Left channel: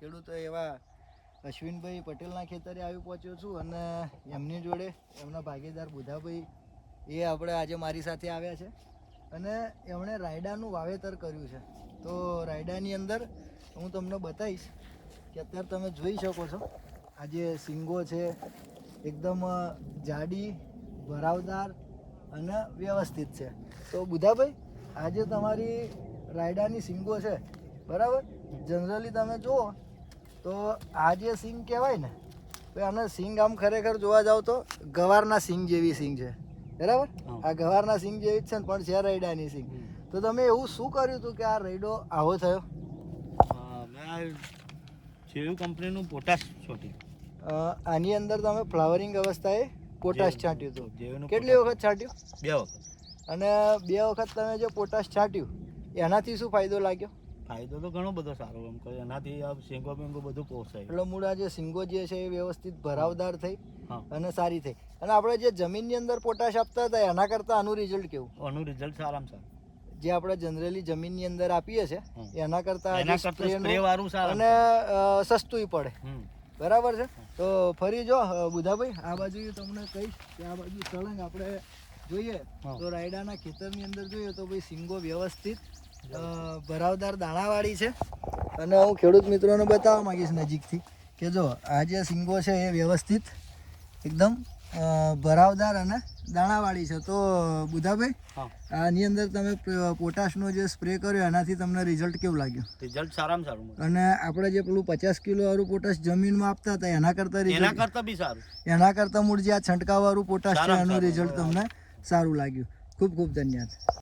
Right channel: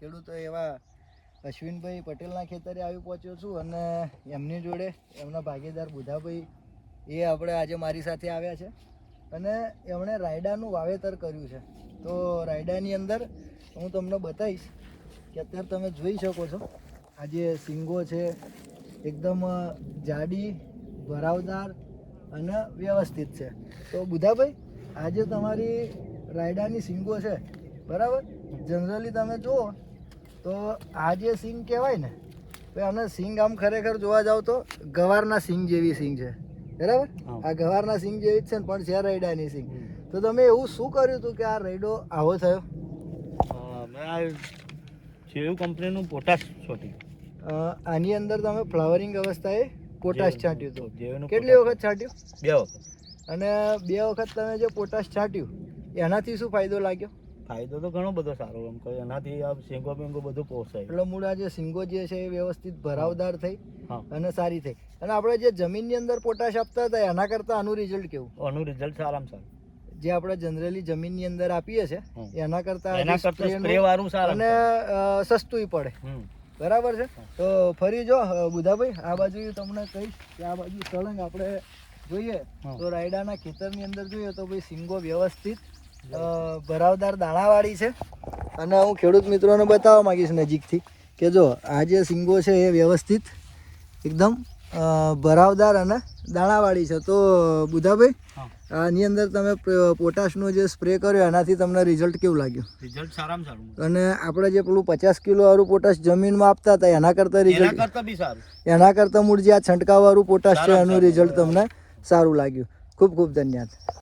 ખેડૂતો એવા અશ્વિનભાઈ પટેલના ખેતરે આવી પહોંચ્યો છું અને એમની જોડે એમના ભાગીદાર બુધાભાઈ એ આપણે આજે મારી સાથે આવ્યા છે અને એમણે રાયડાનું વાવેતર કર્યું છે. તો રાયડાની અંદર હું તમને બતાવીશ કે અત્યારે તમે જોઈ શકો છો આ જે સિંગો છે એકદમ જાડી ભરાવદાર અને વ્યવસ્થિત છે. તો બુધાભાઈ આજે તમારી રાયડાની સિંગો છે બરાબર, જનરલી તમે જુઓ તો આ જે સિંગ કહેવાય ને તો આને સિંગ આમ ખરેખર જોવા જાવ તો ગવારના સિંગ જેવી સિંગ છે બરાબર. આ ગવારના સિંગ જેવી જ છે ને પણ છે રાયડાની સિંગ. તો તમે એવું શું કર્યું હતું કે આ રાયડો આવો થયો? મેં આ જેવી કંપનીનું પોટાશ છોટ્યું. આની અંદર તમે ફ્લાવરિંગ અવસ્થાએ પોટાશ છાંટ્યું હતું. કેટલી વખત છાંટ્યું? 2 વખત. અને 2 વખત તમે જે પોટાશ છાંટ્યું એનાથી શું ફાયદો લાગ્યો? ફાયદો તો ઘણો બધો સારો, એમ કે એનાથી આ શીંગો બીંગો બધું પોસાય. એટલે મૂળ આ જે શીંગો જે છે એ વ્યવસ્થિત ભરાવદાર થઈ હા અને સારી થઈ. અને આપણે જે જમીનની અંદર પોટાશ આપતા હતા એના કરતાં આનું રિઝલ્ટ કેવું? આનું રિઝલ્ટ સારામાં સારું. જે આપણે જનરલી જમીનની અંદર આપીએ છે એના કરતાં સ્પ્રે વાળું સારું અને સસ્તું પડે બરાબર છે. તો ફરી જો બુધાભાઈ આ બાજુ તમને કહીશ કે આ બાજુ સળંગ આપણે જોઈએ તો રાયડાના ખેતરની અંદર જોઈએ તો ભાઈ શીંગો વ્યવસ્થિત ભરાવદાર દાણાવાળી છે. અને હું ખેડૂત મિત્રોને બતાવવા માંગીશ નજીકથી કે જો આ જે શીંગો છે એ વ્યવસ્થિત એકદમ ભરાવદાર અને દાણાવાળી છે. તો બુધાભાઈ આની અંદર તમે પોટાશનો જે સ્પ્રે કર્યો એનાથી તમને રિઝલ્ટ કેવું લાગ્યું? રિઝલ્ટ સારામાં સારું. અને આપણે જે પેલું 50 કિલો વાળું પોટાશ જમીનમાં આપતા હતા એના કરતાં રિઝલ્ટ બી સારું, એના કરતાં મૂળ જે આ છંટકાવ વાળું પોટાશ છે એનું રિઝલ્ટ તમને સારું લાગ્યું. ખૂબ ખૂબ ધન્યવાદ.